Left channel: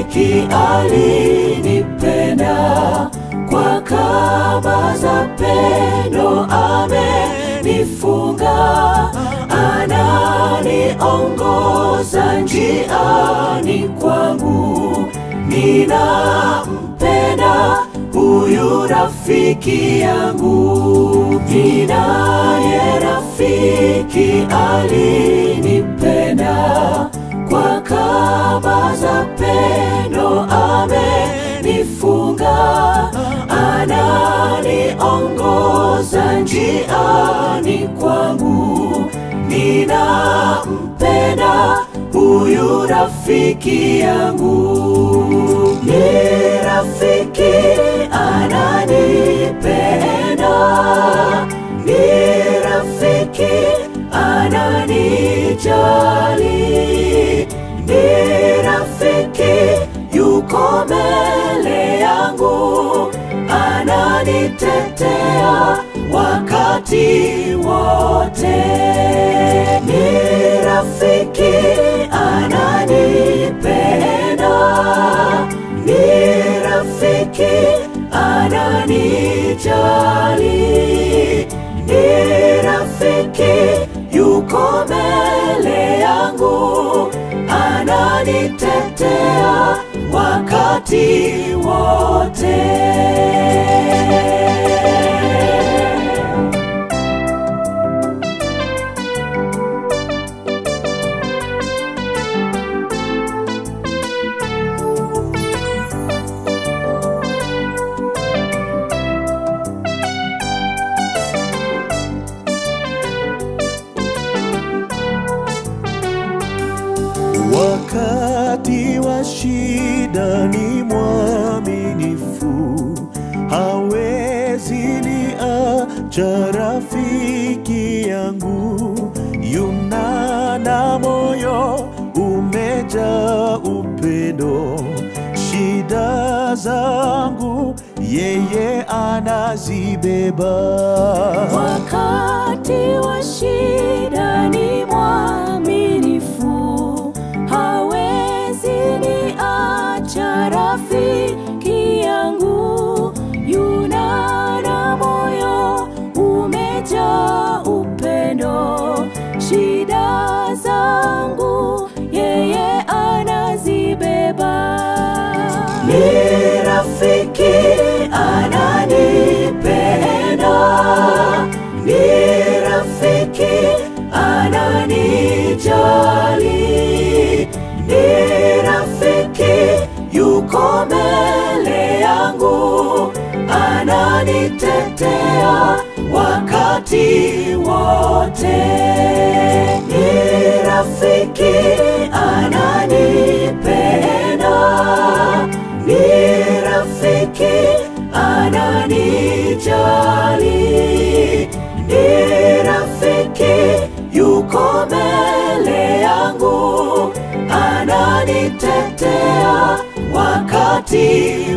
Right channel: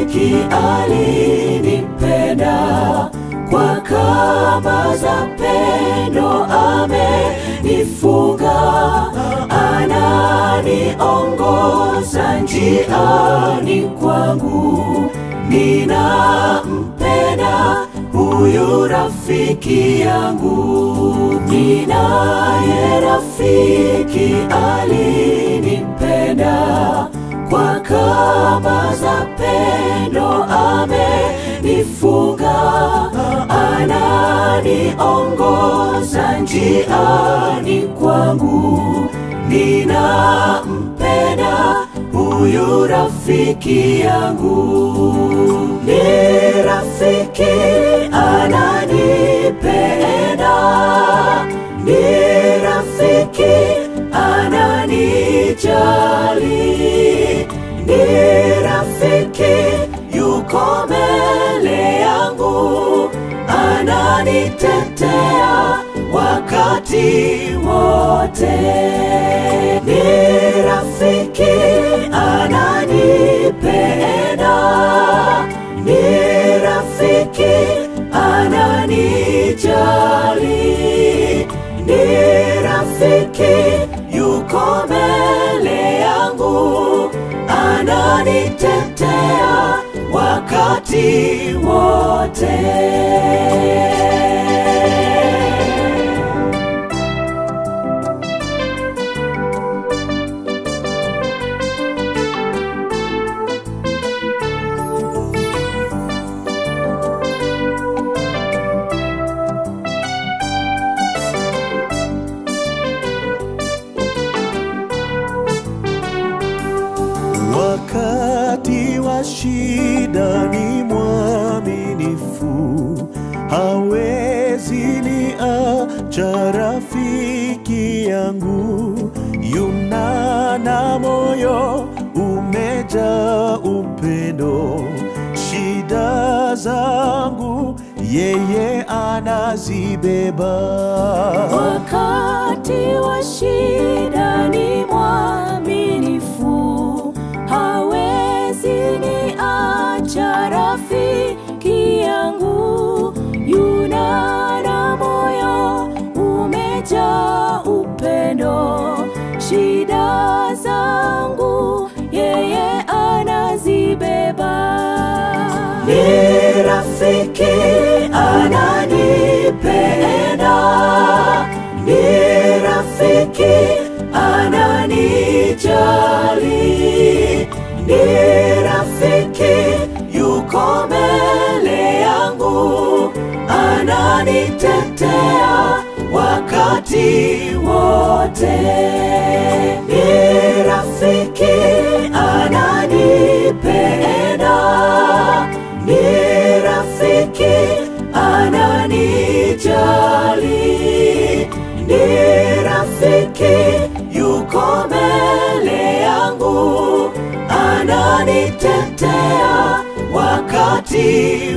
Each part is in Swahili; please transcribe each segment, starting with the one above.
rafiki alinipenda, kwa kamba za pendo amenifunga, ananiongoza njiani kwangu. Ninampenda huyu rafiki yangu, ninaye rafiki alinipenda, kwa kamba za pendo amenifunga, ananiongoza njiani kwangu. Ninampenda huyu rafiki yangu. Ni rafiki ananipenda, ni rafiki ananijali, ni rafiki yuko mbele yangu, ananitetea wakati wote. Ni rafiki ananipenda, ni rafiki ananijali, ni rafiki yuko mbele yangu, ananitetea wakati wote. Wakati wa shida ni mwaminifu, hawezi niacha rafiki yangu. Yuna moyo umejaa upendo, shida zangu yeye anazibeba. Wakati wa shida ni mwaminifu, hawezi niacha rafiki yangu. Yuna moyo umejaa upendo, shida zangu yeye anazibeba. Ni rafiki ananipenda, ni rafiki ananijali, ni rafiki yuko mbele yangu, ananitetea wakati wote. Ni rafiki ananipenda, ni rafiki ananijali, ni rafiki yuko mbele yangu, ananitetea wakati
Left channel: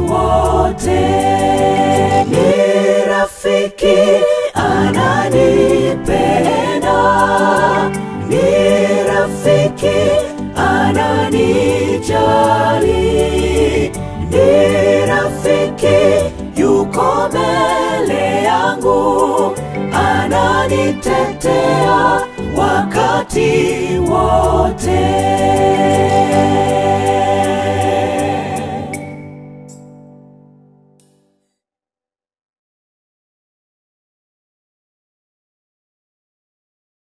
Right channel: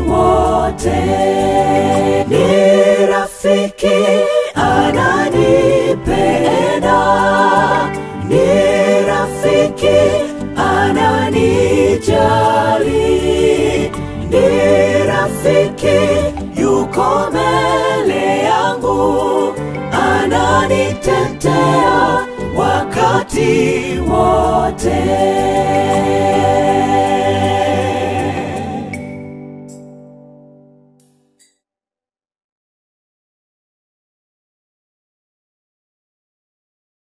wote. Ni rafiki ananipenda, ni rafiki ananijali, ni rafiki yuko mbele yangu, ananitetea wakati wote.